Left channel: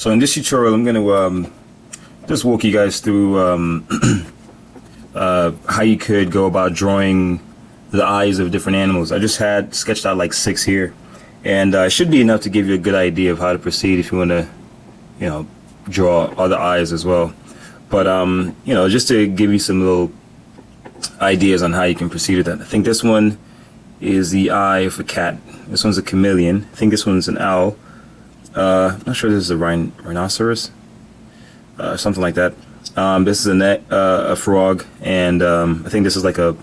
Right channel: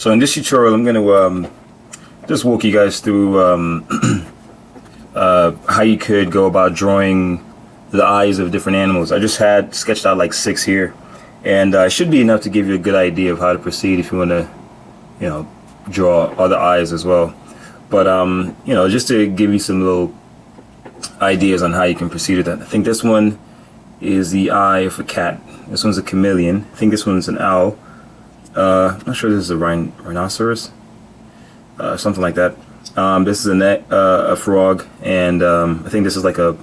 So in this tutorial, I'm going to just walk you guys through how you could go about drawing the eyes of different animals. I just had sketched out like 6 here, and it should be enough to give you a good idea of how to proceed if you want to, draw other eyes as well. But just to give you some little ideas on how you can proceed with that. I think this one is the eye of a cat. This one's a chameleon. I think this one's an owl. Not sure this is a rhinoceros, something like that. This is a frog, and I think this is like a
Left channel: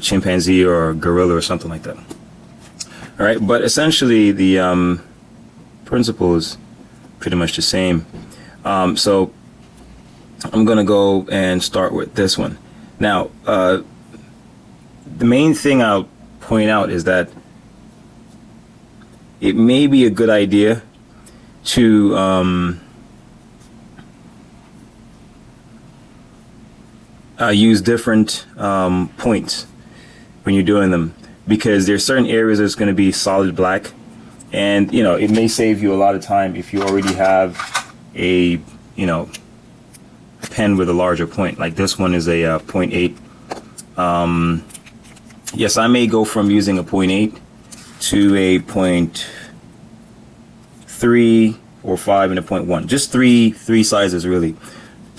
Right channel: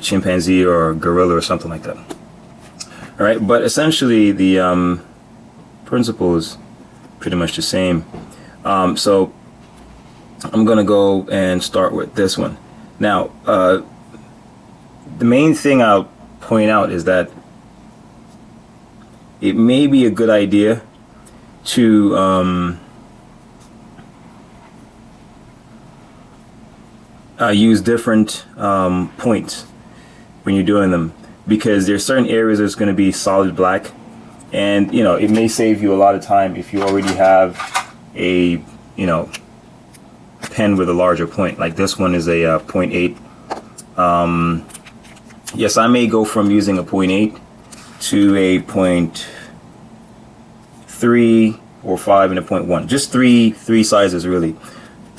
chimpanzee or a gorilla or something like that. All right, but essentially the principle is pretty much the same. So I'm gonna go and start with this one. Now, the main thing I'll point out is that it may be a good idea to use different points when you're doing them, because there's certain areas that's going to be solid black, and it may save you a lot of time if you already have a pen with a larger point. Like this one is a 0.8. Yes, I may go from using a 0.8 to a 0.3 or 5 and a 0.1. Just three sizes really:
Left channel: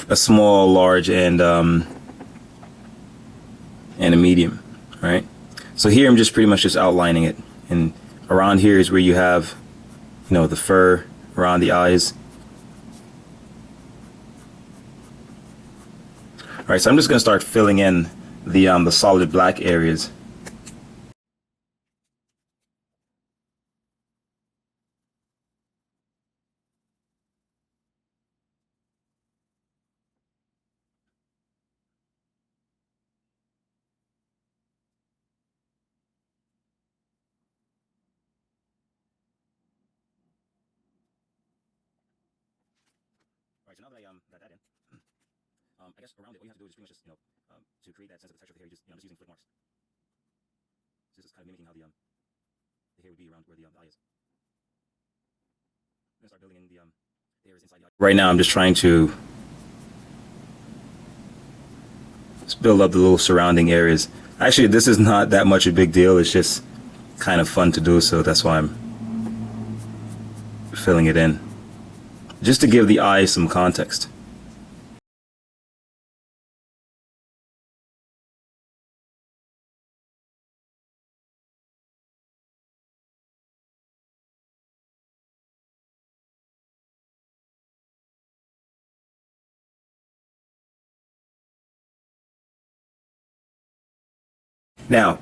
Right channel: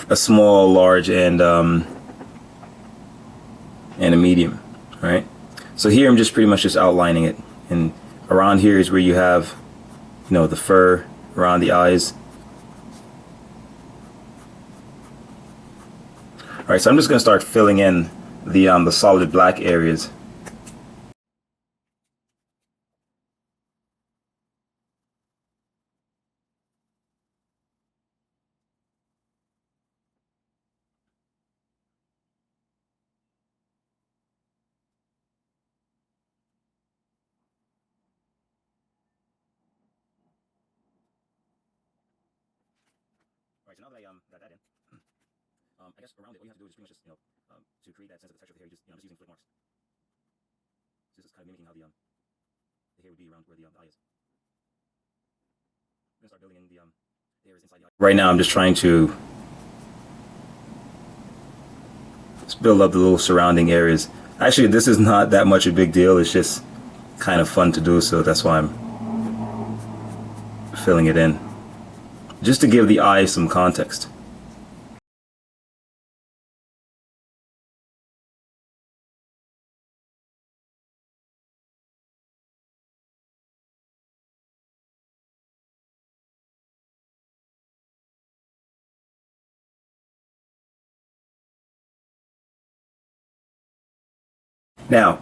a small, large, and a medium. Right. So here I'm just pretty much just outlining it, and around here is where you have, the fur around the eyes. All right, so I'm just going to start filling in the solid black areas. All right, so now that I got that in, I guess around it, all you have to do is pretty much just, to create that sense of the texture of the hair, just using flick marks. So this is kind of mimicking how the hair would be around where the eye is. I'm gonna start building in the hairs inside the eye. Right now, I'm just trying to just build up the little surrounding areas. Actually, this is not that much a big deal. It's just kind of fun to do, so that's why I'm filling it in, just to give the eye some context. Now,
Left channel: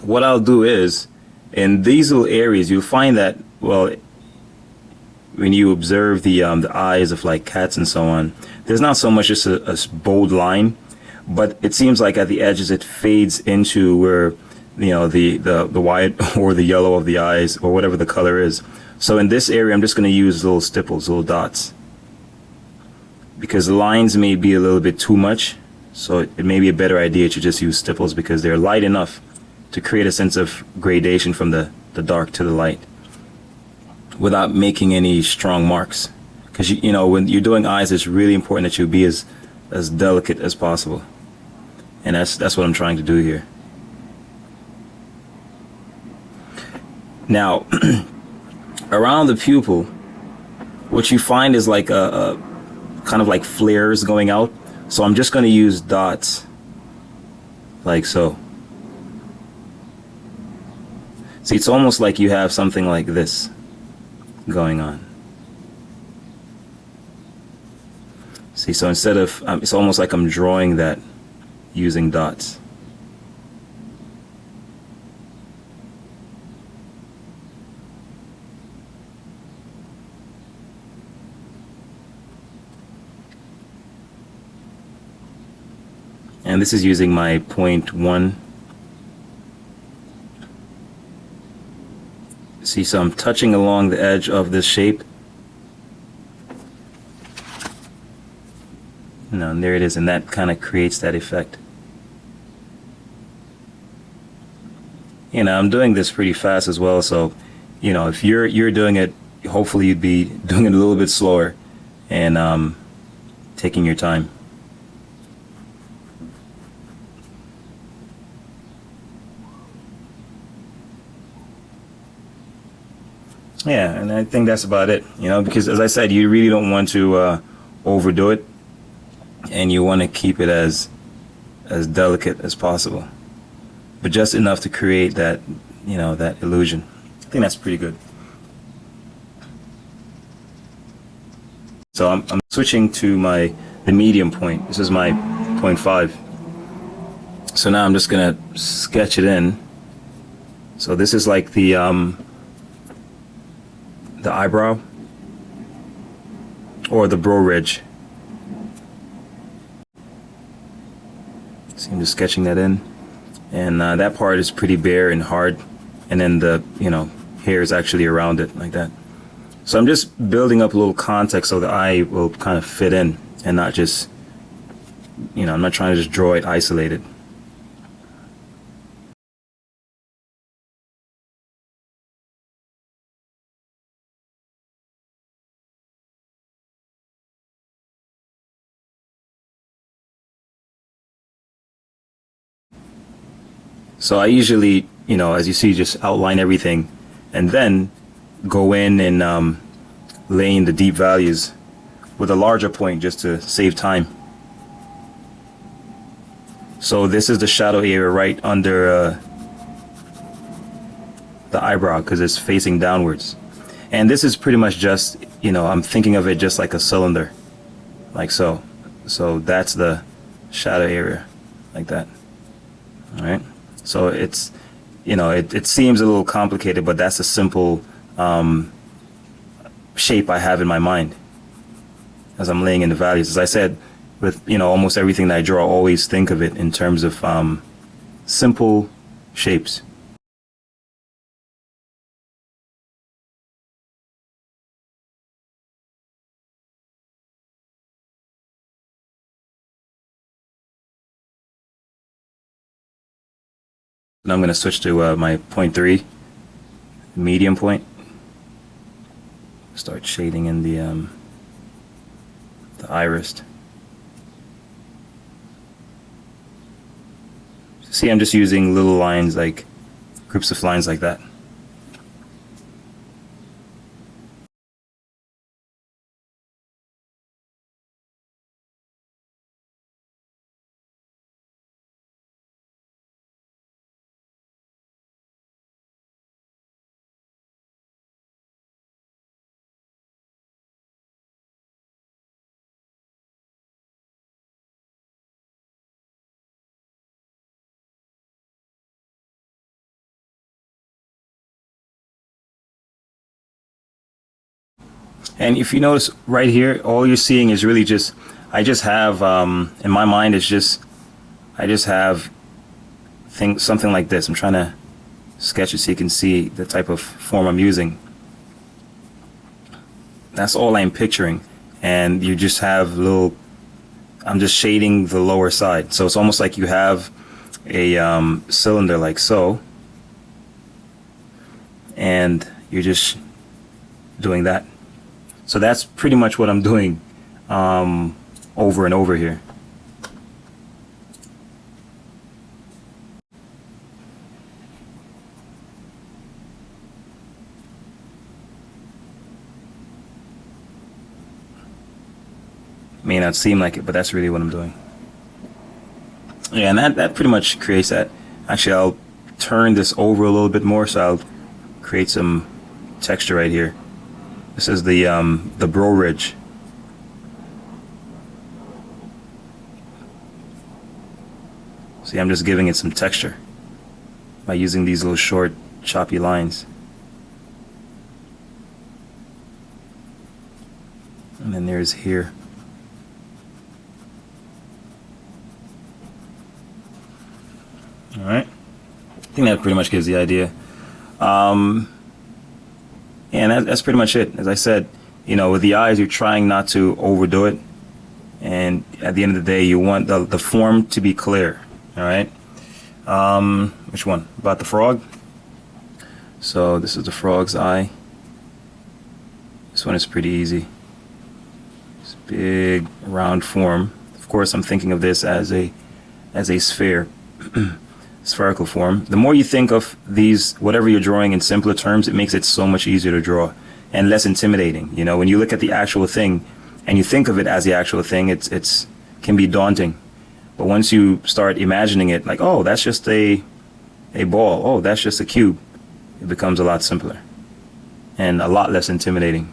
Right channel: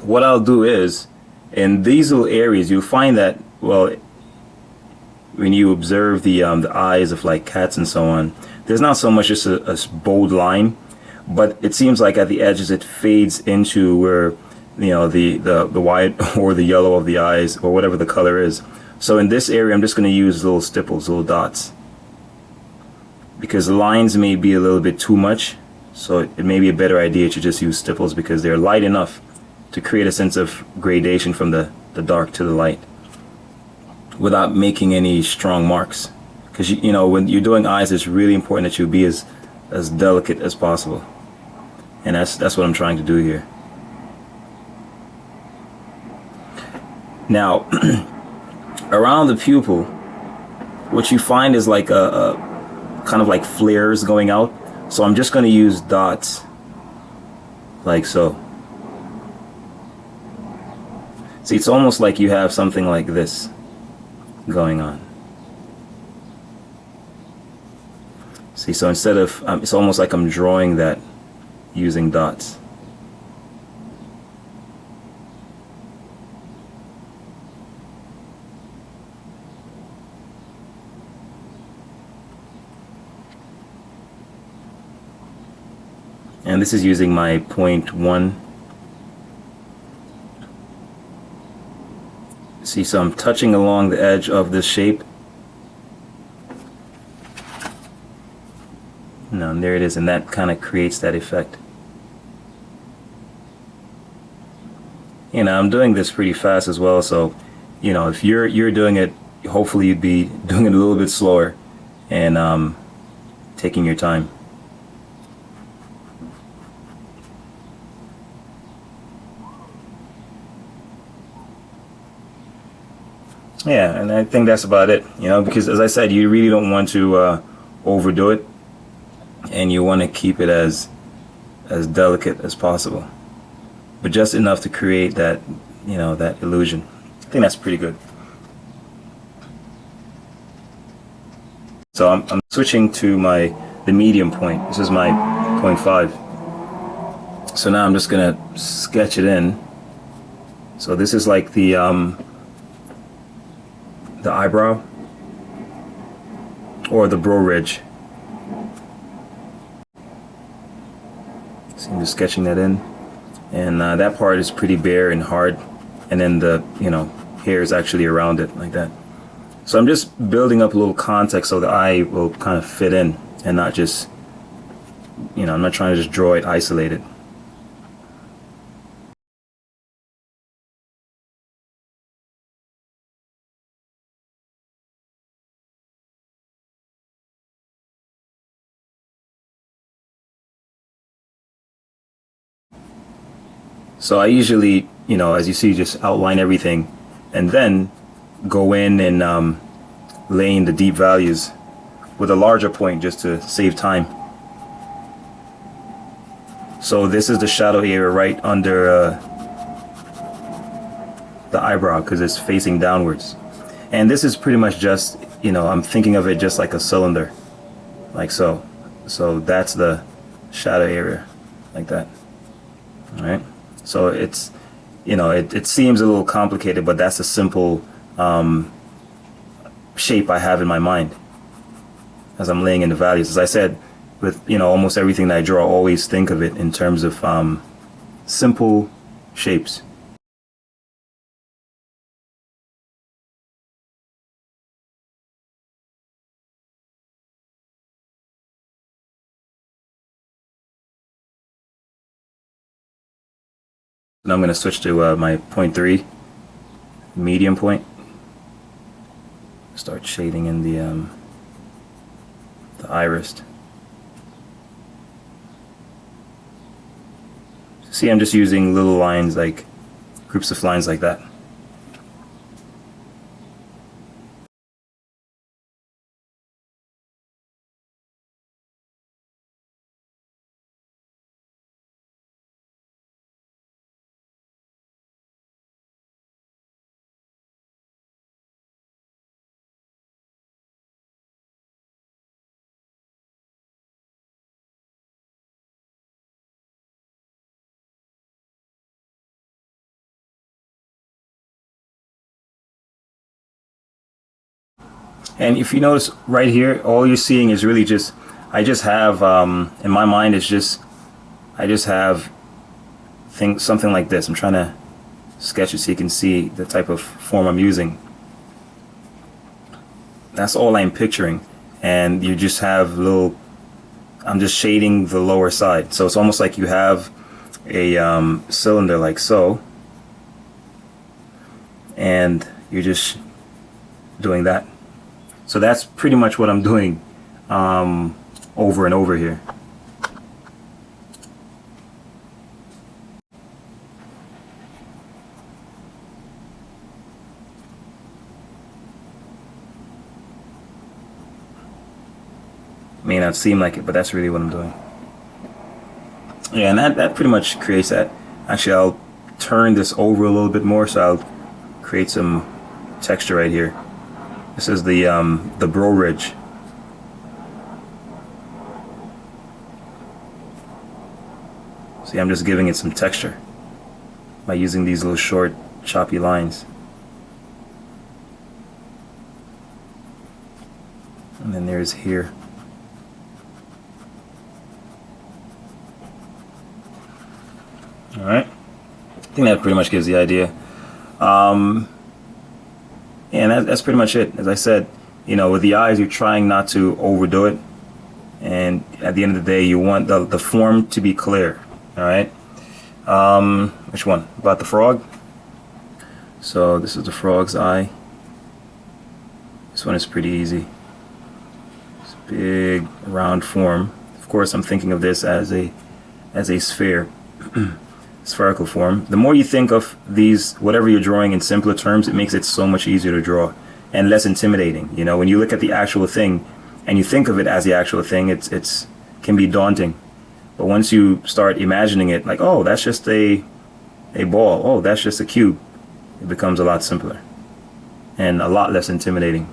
what I'll do is, in these little areas, you'll find that, well, when you observe the eyes of like cats and so on, there's not so much just a bold line, but it seems like at the edges it fades into where, the white or the yellow of the eyes, or whatever the color is. So in this area, I'm just going to use little stipples, little dots, because the lines may be a little bit too much. So it may be a better idea to just use stipples, because they're light enough to create a sense of gradation from the dark to the light without making any strong marks. Because when you're doing eyes, it's really important that you be as delicate as possible, and that's what I'm trying to do here. Now, around the pupil, what you find is like a kind of like flares going out. So I'm just going to use dots like so. See, it's almost like you have something like this going on. See, so instead of, it's almost like I'm drawing that using dots. And this is using my 0.1. See, so I'm touching along the edge of this shape. And there it is, and that kind of creates that effect. I'm doing this pretty fast as well, so if you're doing it hopefully you'd be doing it a little bit slower and taking your time. Yeah, and I think that's about it, you know, because as I said, you really don't want to overdo it, and you want to keep it as delicate as possible, but just enough to create that, you know, that illusion. I think that's pretty good. So I'm switching to the medium point. This is my 0.5. So now I'm just gonna sketch it in. So this is like the eyebrow or the brow ridge. So I'm just sketching that in, and that part is pretty bare and hard, and then the, you know, hair is actually around it like that. So I'm just building up a little context so the eye will kind of fit in and not just, you know, I'm not trying to just draw it isolated. So I usually, you know, as you see, just outline everything and then go in and lay in the deep values with a larger point just to save time. So this is the shadow area right under the eyebrow because it's facing downwards. And this is pretty much just, you know, I'm thinking of it just like a cylinder, like so. So that's the shadow area, like that. All right. So it's, you know, it seems a little complicated, but that's a simple shape I have in my mind as I'm laying in the values. As I said, with, you know, almost everything that I draw, I always think of it in terms of simple shapes. Now I'm going to switch to my 0.3 medium point. Start shading in the iris. See, I'm just using little lines, like groups of lines like that. And if you notice right here, all you're seeing is really just, I just have, in my mind, it's just, I just have something like this. I'm trying to sketch it so you can see the type of form I'm using. That's all I'm picturing. And you just have little, I'm just shading the lower side. So it's almost like you have a cylinder like so. And you're just doing that. So that's pretty much what I'm doing over and over here. May not seem like it, but that's really what I'm doing. Yeah, and that pretty much creates that. Actually, I'll turn this over a little bit more, so I'll create some texture right here. This is the brow ridge. See, I'm just giving it some texture by using these little short, choppy lines. And then there's here. Alright, I think that pretty much gives the idea. And that's pretty much it. As I said, you know, with the eyes, you're trying not to overdo it. And at the end of the day, you want the form to be clear. Alright? Which one? About the frog? So this is the frog's eye. This one is pretty easy. It's a big round form. Of course, I'm thinking of this as a sphere, spherical form. The more you think of these, whatever you're drawing in simpler terms, it makes it so much easier to draw and less intimidating. You know, when you look at the actual thing and you think of it as the actual thing, it's can be daunting. But once you start imagining it, like, oh, that's just a ball. Oh, that's just a cube. It becomes a lot simpler and a lot less intimidating.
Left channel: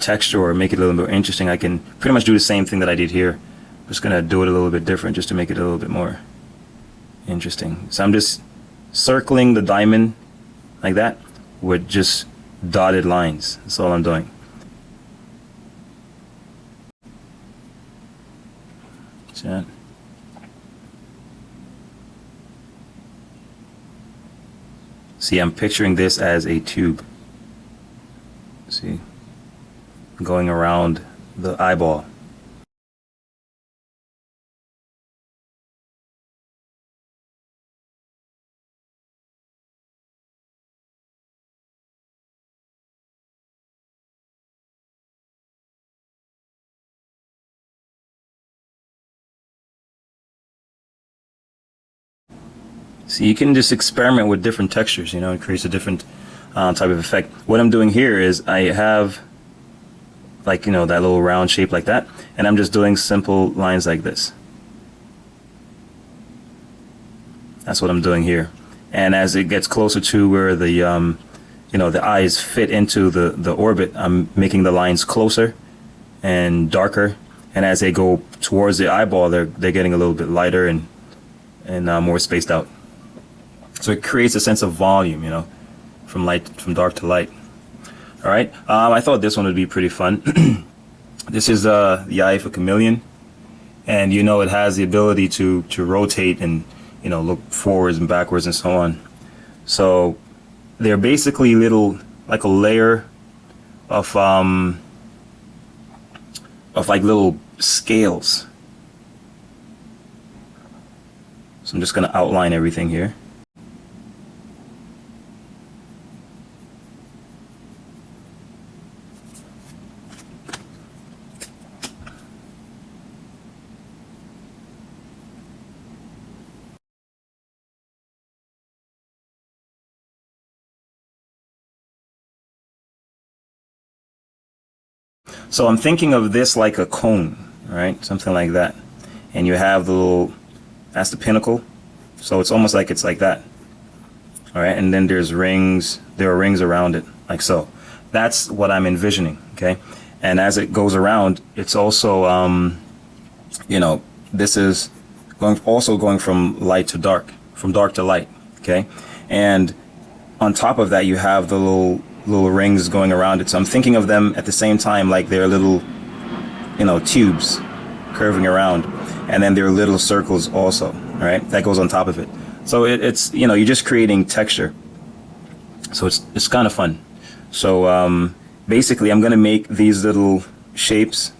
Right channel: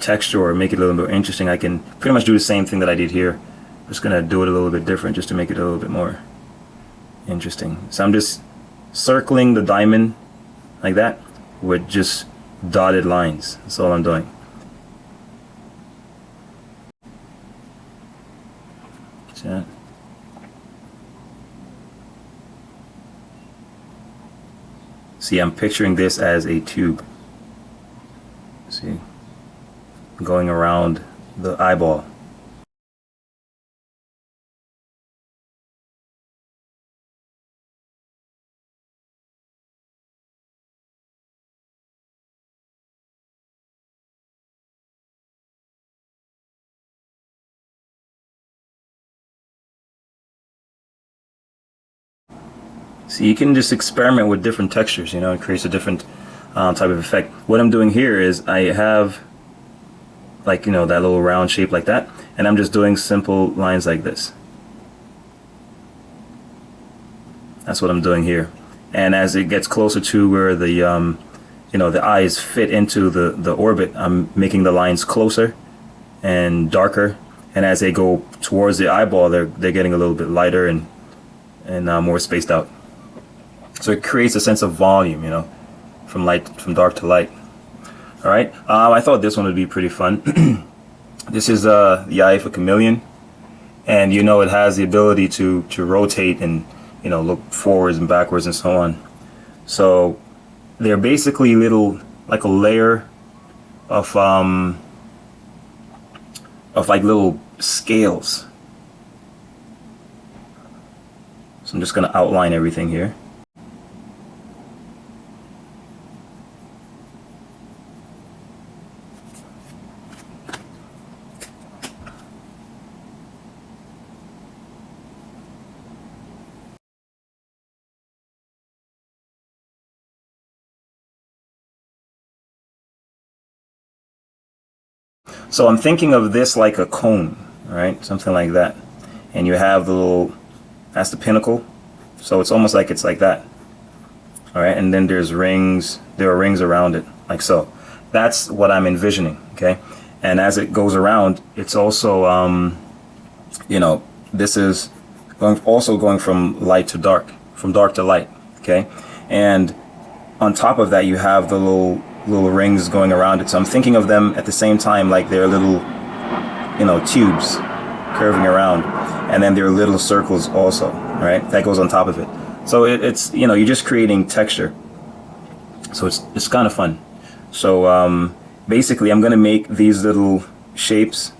Texture or make it a little more interesting, I can pretty much do the same thing that I did here. I'm just gonna do it a little bit different just to make it a little bit more interesting. So I'm just circling the diamond like that with just dotted lines. That's all I'm doing. So, see, I'm picturing this as a tube. See, going around the eyeball. So you can just experiment with different textures, you know, it creates a different type of effect. What I'm doing here is I have, like, you know, that little round shape like that, and I'm just doing simple lines like this. That's what I'm doing here. And as it gets closer to where the, you know, the eyes fit into the orbit, I'm making the lines closer and darker. And as they go towards the eyeball, they're getting a little bit lighter and more spaced out. So it creates a sense of volume, you know, from dark to light. All right. I thought this one would be pretty fun. This is the eye of a chameleon, and you know it has the ability to rotate and, you know, look forwards and backwards and so on. So they're basically like a layer of like little scales. So I'm just going to outline everything here. So I'm thinking of this like a cone, all right? Something like that. And you have the little, that's the pinnacle. So it's almost like it's like that. All right, and then there are rings around it, like so. That's what I'm envisioning, okay? And as it goes around, it's also, you know, this is also going from light to dark, from dark to light, okay? And on top of that, you have the little rings going around it. So I'm thinking of them at the same time like they're little, you know, tubes curving around, and then there are little circles also, right? That goes on top of it. So it's, you know, you're just creating texture. So it's kind of fun. So basically, I'm gonna make these little shapes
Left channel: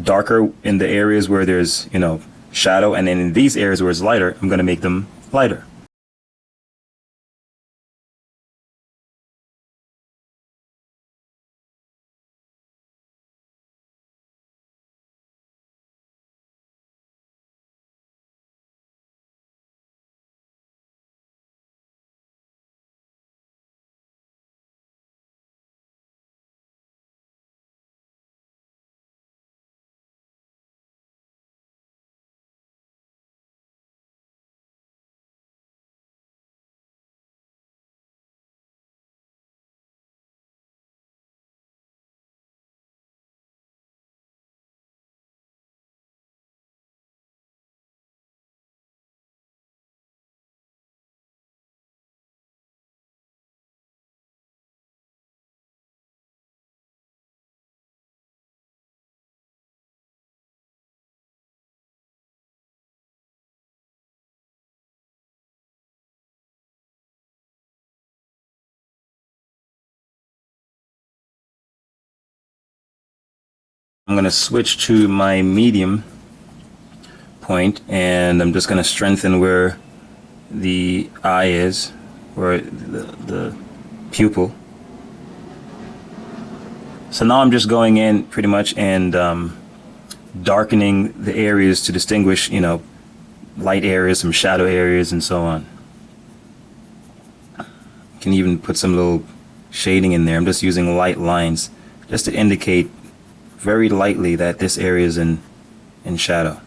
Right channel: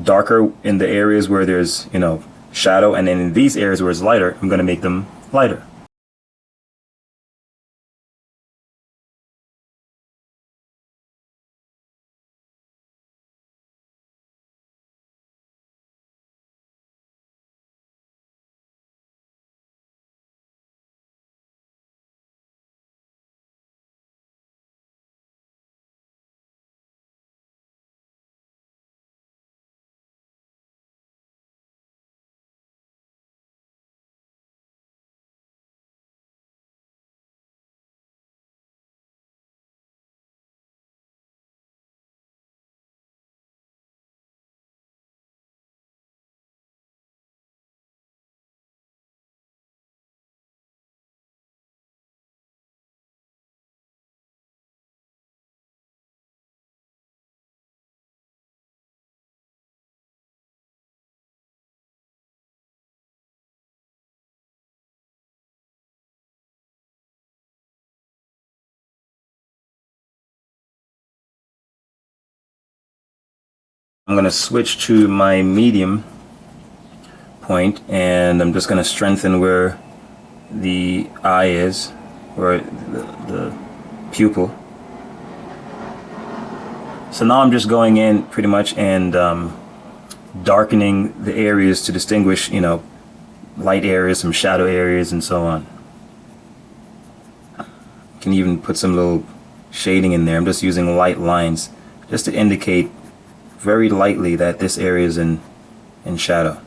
darker in the areas where there's, you know, shadow, and then in these areas where it's lighter, I'm gonna make them lighter. I'm gonna switch to my medium point, and I'm just going to strengthen where the eye is, where the pupil. So now I'm just going in pretty much and darkening the areas to distinguish, you know, light areas from shadow areas and so on. You can even put some little shading in there. I'm just using light lines just to indicate very lightly that this area is in shadow.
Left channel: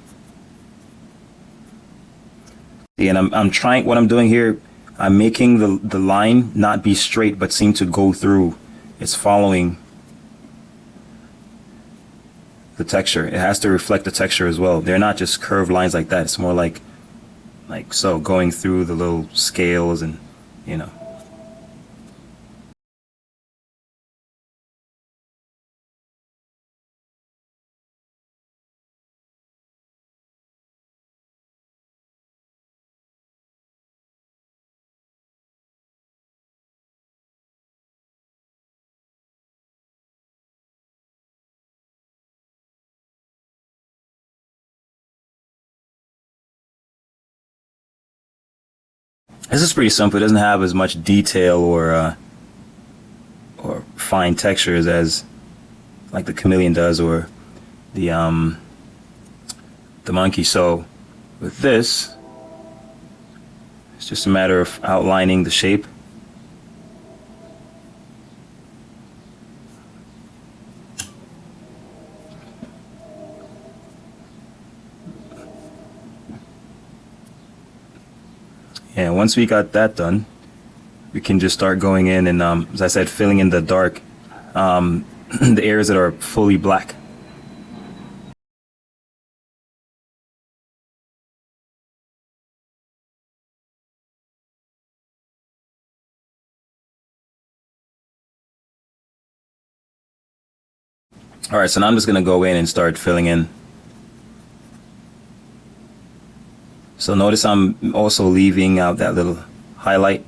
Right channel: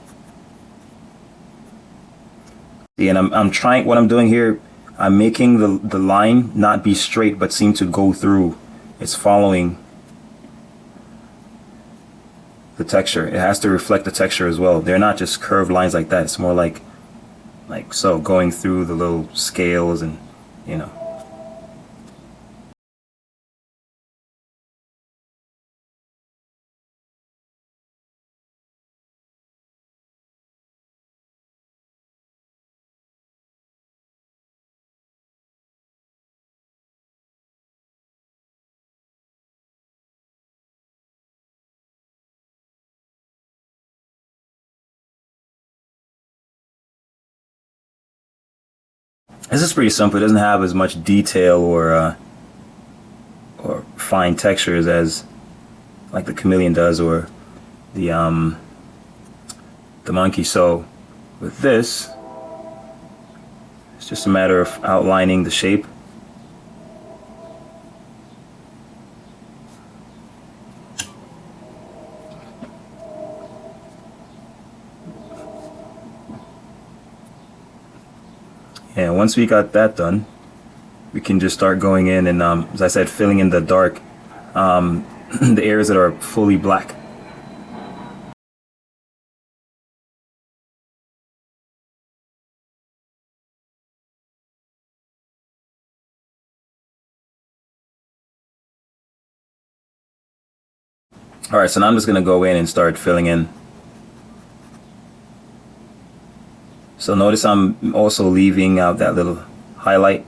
See, and I'm trying, what I'm doing here, I'm making the line not be straight but seem to go through. It's following the texture. It has to reflect the texture as well. They're not just curved lines like that. It's more like so, going through the little scales and, you know. This is pretty simple. It doesn't have as much detail or fine textures as like the chameleon does or the the monkey. So with this, it's just a matter of outlining the shape. And once we got that done, we can just start going in and, as I said, filling in the dark, the areas that are fully black. All right, so now I'm just gonna go in and start filling in. So notice I'm also leaving out that little highlight.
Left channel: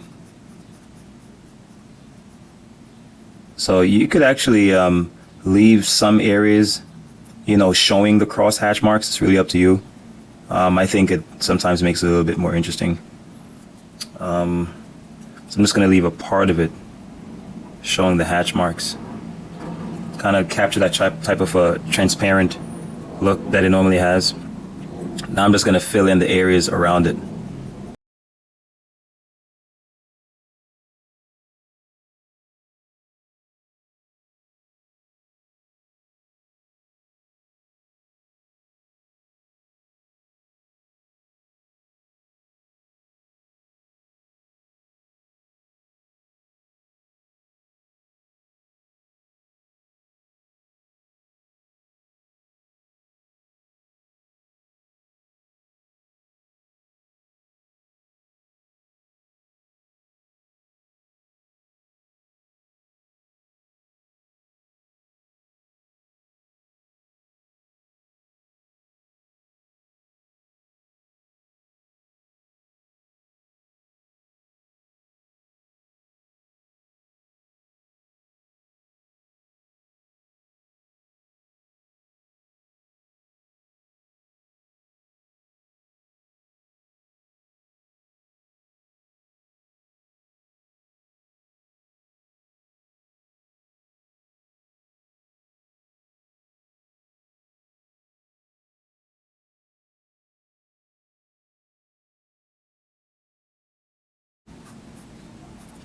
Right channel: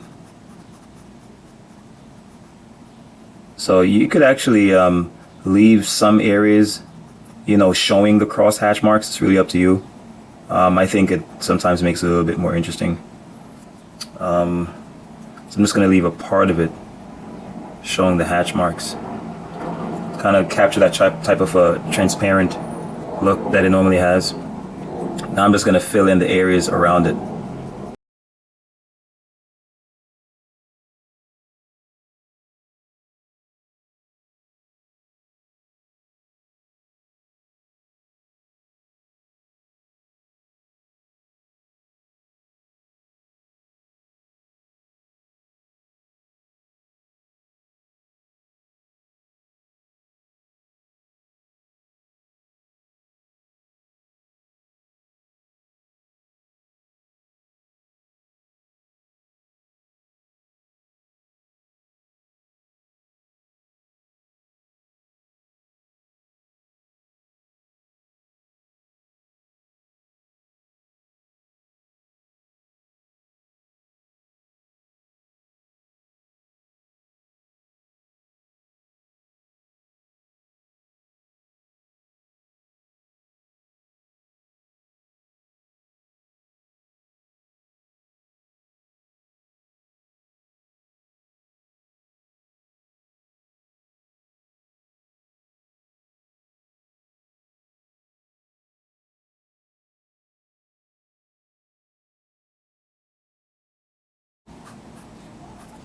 So you could actually leave some areas, you know, showing the crosshatch marks. It's really up to you. I think it sometimes makes it a little bit more interesting. So I'm just gonna leave a part of it showing the hatch marks. Kind of capture that type of a transparent look that it normally has. Now I'm just going to fill in the areas around it.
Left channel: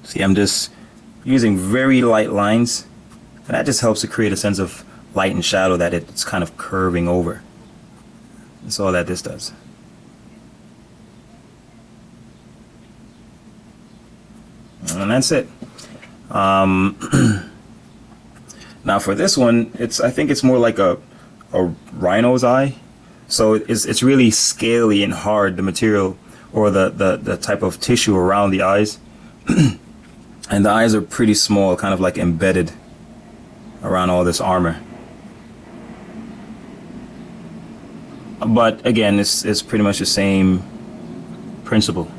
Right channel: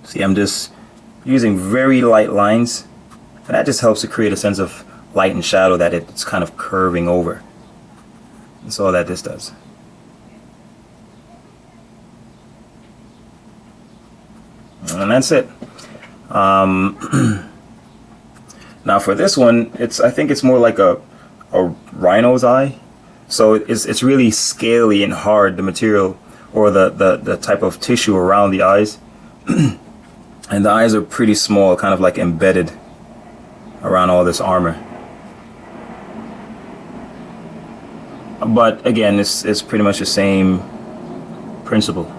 See, I'm just using very light lines, and that just helps to create a sense of light and shadow that it's kind of curving over. That's all that this does. And that's it. Now for this one, I think it's more like a rhino's eye. So it's really scaly and hard, the material or the type of tissue around the eyes. And the eyes are pretty small, kind of like embedded around all this armor. But again, it's pretty much the same principle.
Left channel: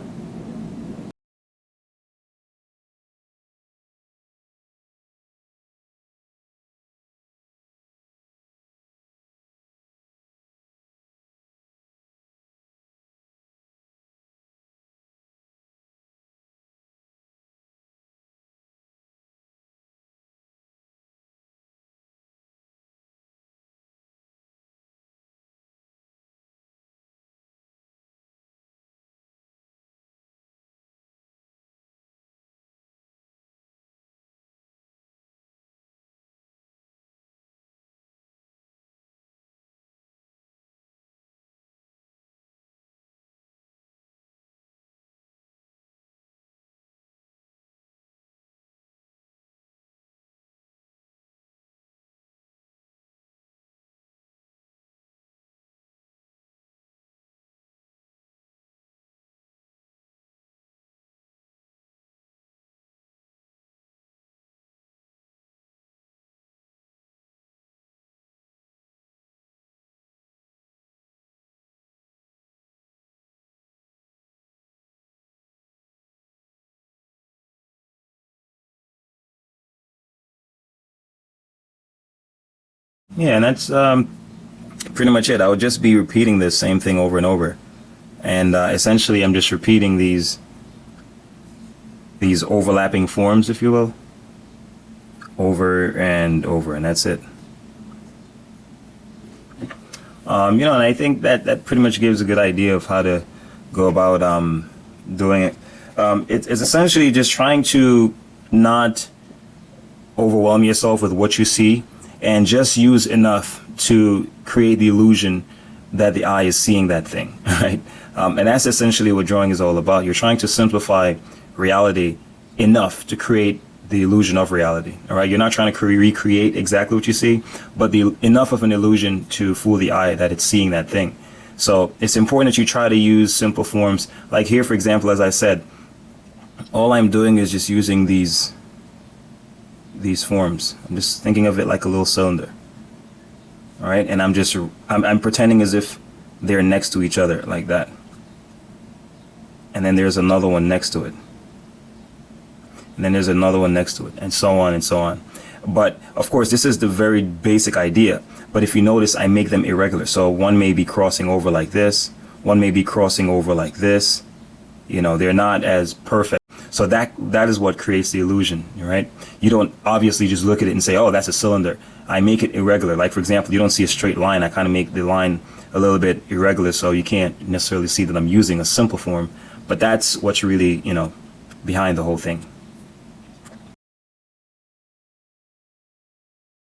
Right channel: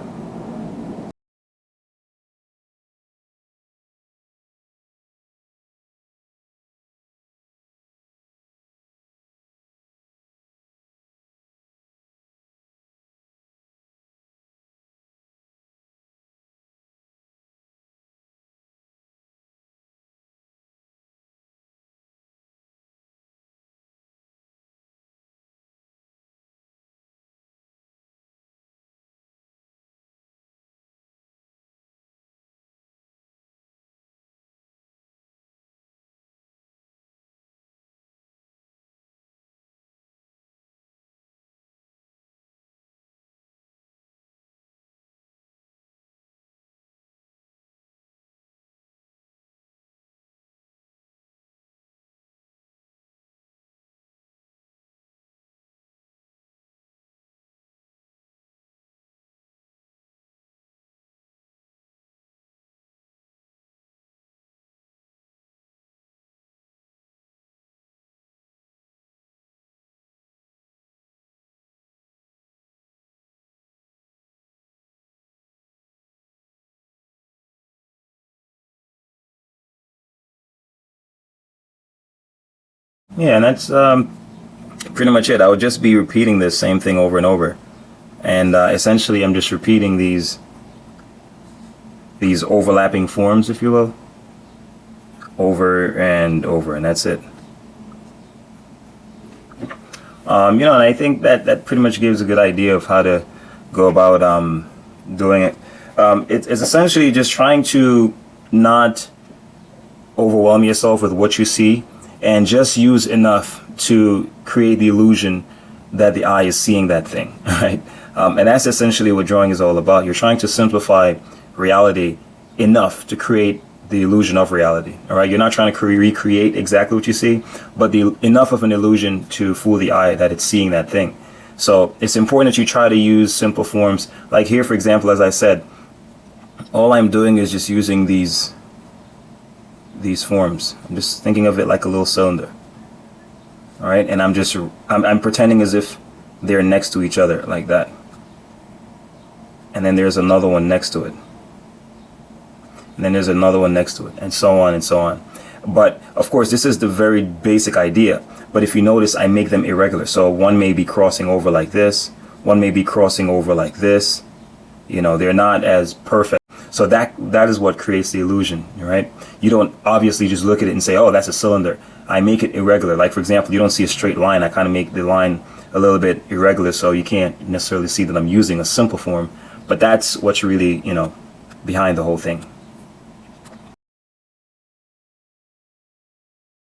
Yeah, and that's pretty much it. I would just be repeating the same thing over and over. And essentially, I'm just repeating these overlapping forms, if you will, over and over, and that's it. And I think that pretty much gives a good idea of how to go about doing it. It's essentially just trying to not overwhelm yourself with what you see, and just use enough to create the illusion that the eye is seeing that thing, right? And that's essentially what drawing is all about. You're trying to simplify reality enough to create the illusion of reality. All right, you're not trying to recreate exactly what you see, but enough of an illusion to fool the eye that it's seeing that thing. So it's important that you try to use simple forms. Like here, for example, as I said, all I'm doing is just using these forms. I'm just thinking of it like a little cylinder. All right, and I'm pretending as if they're next to each other like that. And then there's another one next to it. And then there's another one next to it, and so on and so on. But of course, this is the very basic idea. But if you notice, I make them irregular. So one may be crossing over like this, one may be crossing over like this. You know, they're not as perfect. So that is what creates the illusion, right? You don't obviously just look at it and say, oh, that's a cylinder. I make it irregular. Like, for example, you don't see a straight line. I kind of make the line a little bit irregular, so you can't necessarily see that I'm using a simple form. But that's what's really, behind the whole thing.